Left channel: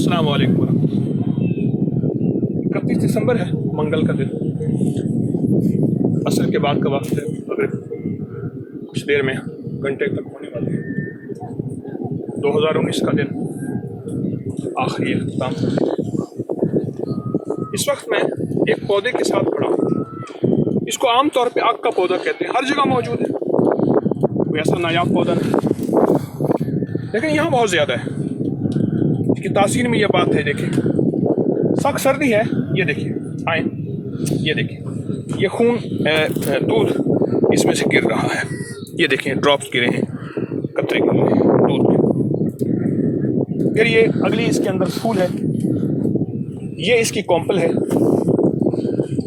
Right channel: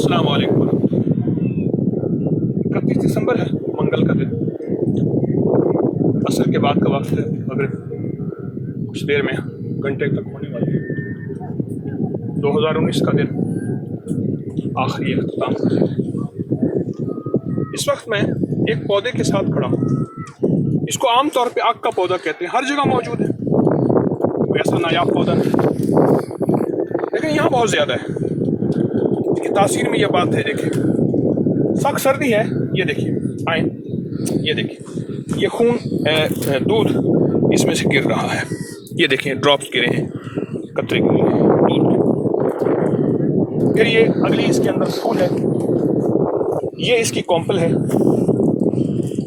अस्सलाम वालेकुम। 31 दिसंबर है, मंगल का दिन, असर के बाद का वक्त है। अगर कुछ देर में घंटे तक होने वाली है। 2019 का दिन आखिरी अख्ताम। इस वक्त मैं एक पौधे के साथ खड़ा हूँ। इसको आम तौर पे आग का पौधा कहते हैं, हर जगह मौजूद है, कोई ऐसा नायाब पौधा नहीं, लेकिन यहाँ बहुत ज़्यादा है। इसकी तासीर में यह बात है, देखिए सख्त सर्दी है, ये देखिए आए, ये देखिए ये खून दूध इसमें से गिर रहा है, ये देखिए ड्रॉप्स गिरे हैं, कतरे दूध के। फिर ये अगली इसके अंदर फूल है, ये इसकी कॉम्पल है।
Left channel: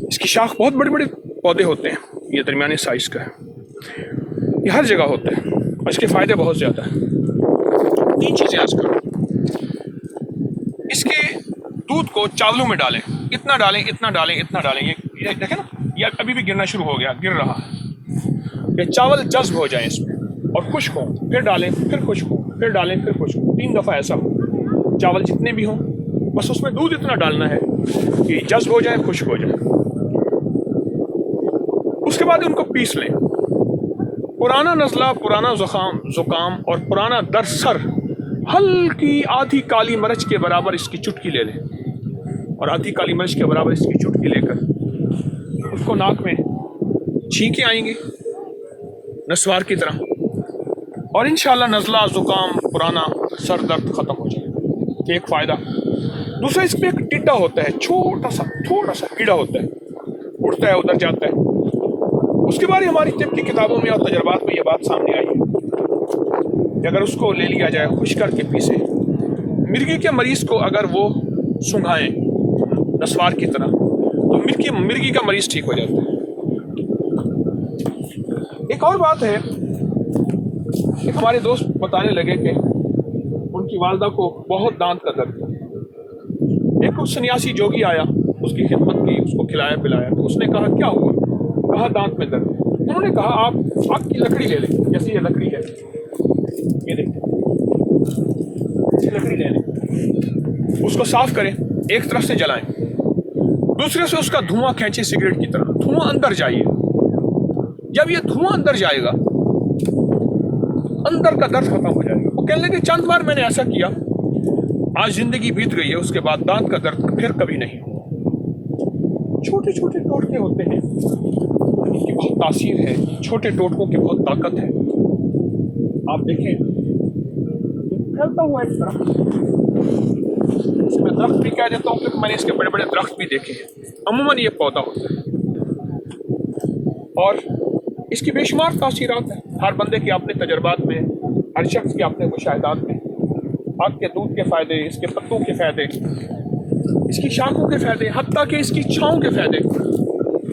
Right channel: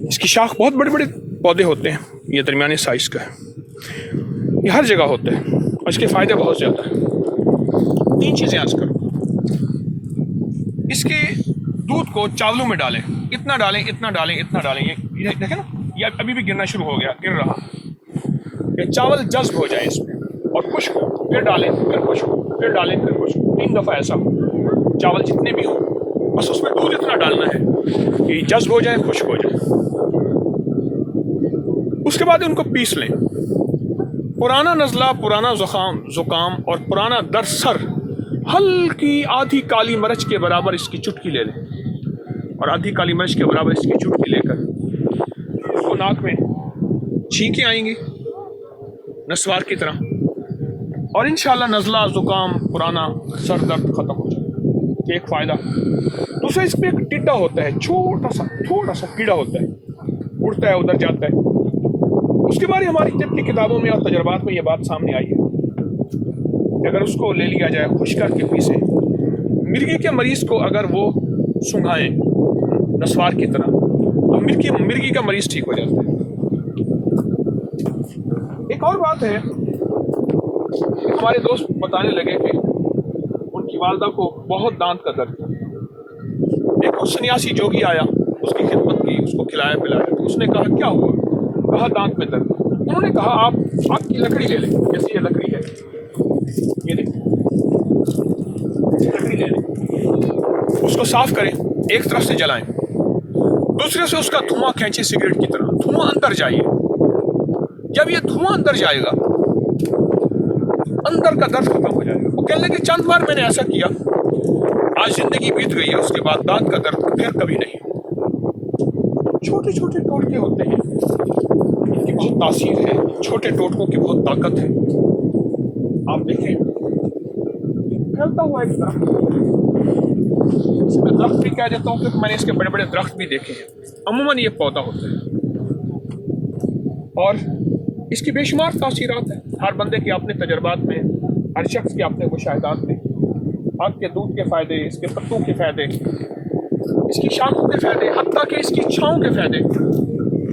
इसकी शाख बहुत बड़े बड़े पौधे होते हैं, ये दरमियाने साइज का है, ये हर जगह होता है और इसके फ़ायदे बहुत ज़्यादा हैं। 3 चीज़ें आज करो। इसके दूध को चावलों में डालें, इतना डालें, इतना डालें, इतना डालें। ये देखें ना, ये अभी भी गिरना शुरू हो गया, गिर रहा है। ये चावल जज्ब हो जाए इसमें और खुश्क हो, फिर डालें, फिर खुश्क हो, फिर डालें, फिर खुश्क हो। 3 दफ़ा ऐसा हो। चावल जितने भी हों, बस उसमें दूध इतना डालना है कि जज्ब हो जाए, खुश्क हो जाए। उसके बाद उनको पीस लें। पुराना नज़ला, पुराना ज़ुकाम और पुराना दर्द सर, हल्की आधी काली मिर्च के बराबर इसकी चुटकी ले लें और आधी काली मिर्च के बराबर इसकी चुटकी लेकर इसको नाक में छींके आएंगे नस्वार की तरह, और इंशाअल्लाह नज़ला, ज़ुकाम, पुराना सर दर्द ख़त्म हो जाएगा। एक फ़ायदा। दूसरा, इसमें एक टिड्डा होता है, थोड़ा सा कीड़ा होता है, उड़ता है, उधर जाता है। उसके बारे हमारी तिब की किताबों में और तजर्बात में ये बात सामने आई है कि अगर उसको ले लिया जाए, खुश करके पीसे, मिर्गी के मरीज़ को अगर वो सुंघाएं नस्वार की तरह, तो मिर्गी का मरीज़ ठीक हो जाता है। एक और बात है कि हमारे दोस्त बताने लगे कि उनकी वालदा को बहुत दांत का दर्द था। एक सन्यासी जोगी आया, उसकी खिदमत की, उसको खिलाया पिलाया, तो उसने कहा क्या हुआ? कहा दांत में दर्द। उन्होंने कहा आप आग की लकड़ी ले लें, जैसे ये लकड़ी है, ये देखिए लकड़ी ले लें, उसको साफ करें, एक तरफ से जलाएं, दूसरे से उसका धुआं खींचे सिगरेट की तरह, धुआं अंदर जाइए। जब ये धुआं अंदर जाएगा, अंदर का दर्द खत्म हो जाएगा। वो कहने लगे चंद बार मैंने ऐसा किया, आज जिंदगी बीत गई है, उसके बाद दांत का दर्द फिर कभी नहीं। छोटे छोटे टोटके होते हैं, इनकी बहुत तासीर है, छोटे टोटकों की बहुत ताकत है। आप देखें, फैलता हुआ एक दरख्त, मैं दरख्त भी कह देता हूँ क्योंकि मैंने इसके बड़े बड़े दरख्त भी देखे हैं। अमूमन ये पौधा होता है और इसकी बेशुमार तासीरात हैं। हर बंदे के अपने तजर्बात में, हर शख्स के अपने मुशाहिदात में। आग के दूध के फ़ायदे, इसके पत्तों के फ़ायदे, इसकी शाखों के फ़ायदे, हत्ता कि इसकी छाँव के फ़ायदे।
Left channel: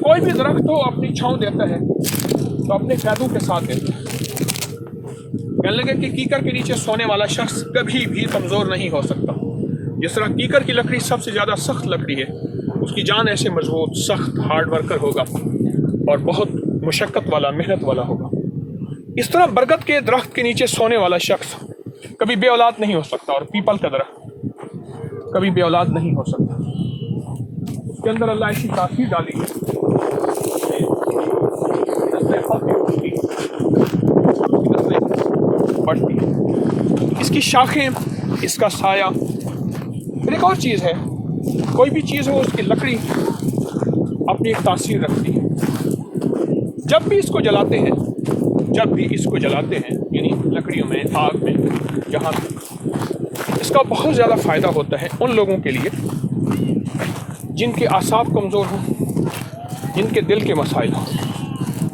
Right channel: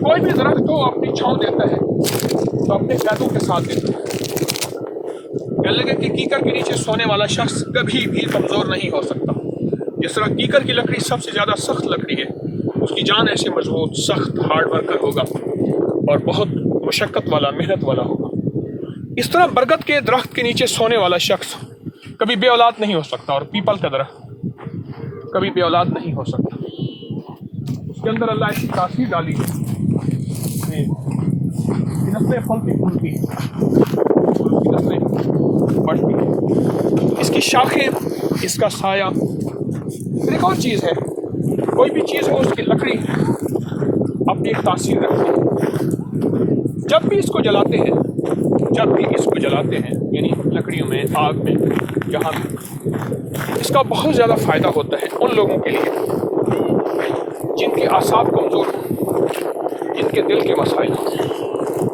कोई भी दरख्त हो अपनी छाँव देता है तो अपने फ़ायदों के साथ देता है। कहने लगे कि कीकर के नीचे सोने वाला शख्स कभी भी कमज़ोर नहीं हो सकता। जिस तरह कीकर की लकड़ी सबसे ज़्यादा सख्त लकड़ी है, उसकी जान ऐसे मजबूत, सख्त, हार्ड वर्कर होगा और बहुत मुशक्क़त वाला, मेहनत वाला होगा। इस तरह बरगद के दरख्त के नीचे सोने वाला शख्स कभी बे औलाद नहीं हो सकता, और पीपल का दरख्त कभी बे औलाद नहीं हो सकता। उसके अंदर अल्लाह ऐसी तासीर डाली है, बढ़ती, इसकी शाखें, इसका साया। फिर एक और चीज़ है, कोई भी चीज़ हो उसकी लकड़ी अपनी एक तासीर रखती है। जब भी इसको जलाते हैं, यानी लकड़ियों में, आग में, यहाँ भी, इसका बहुत ज़्यादा फ़ायदा होता है उन लोगों के लिए जिनके आसाब कमज़ोर हों, जिनके दिल के मसाइल हों,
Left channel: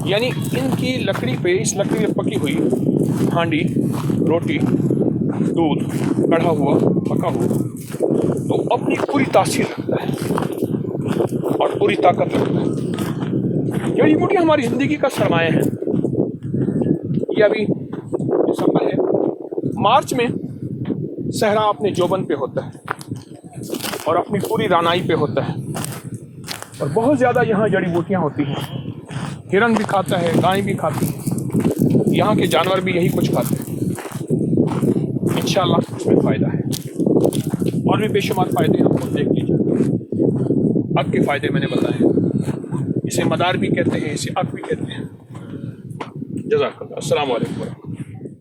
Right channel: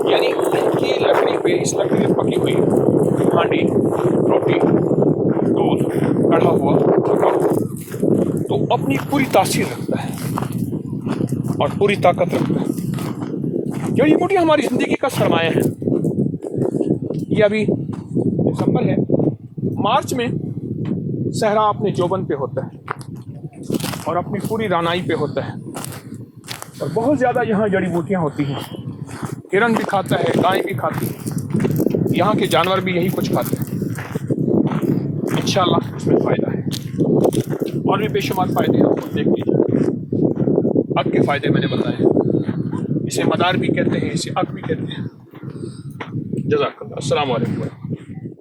यानी जिनकी लकड़ी पे, इस लकड़ी पे पकी हुई हांडी, रोटी, दूध, कढ़ा हुआ, पका हुआ, तो अपनी पूरी तासीर रखता है और पूरी ताकत रखता है। जड़ी बूटियाँ हमारी ज़िंदगी का सरमाया है। ये अभी दिसंबर है, मार्च में सहरा अपने जोबन पे होता है और अपनी पूरी रानाई पे होता है, और बहुत ज़्यादा यहाँ जड़ी बूटियाँ होती हैं। हिरन भी खाता है, गाय भी खाती है, यहाँ के जानवर भी यही कुछ खाते हैं। انشاءاللہ اس میں فائدہ ہے، اور بھی بے شمار فائدے ہیں، آپ خود دیکھ لیجیے۔ اگ کے فائدے میں نے بتائے، اسے مدار بھی کہتے ہیں، اسے اگ بھی کہتے ہیں۔ جزاک اللہ، السلام علیکم ورحمۃ اللہ۔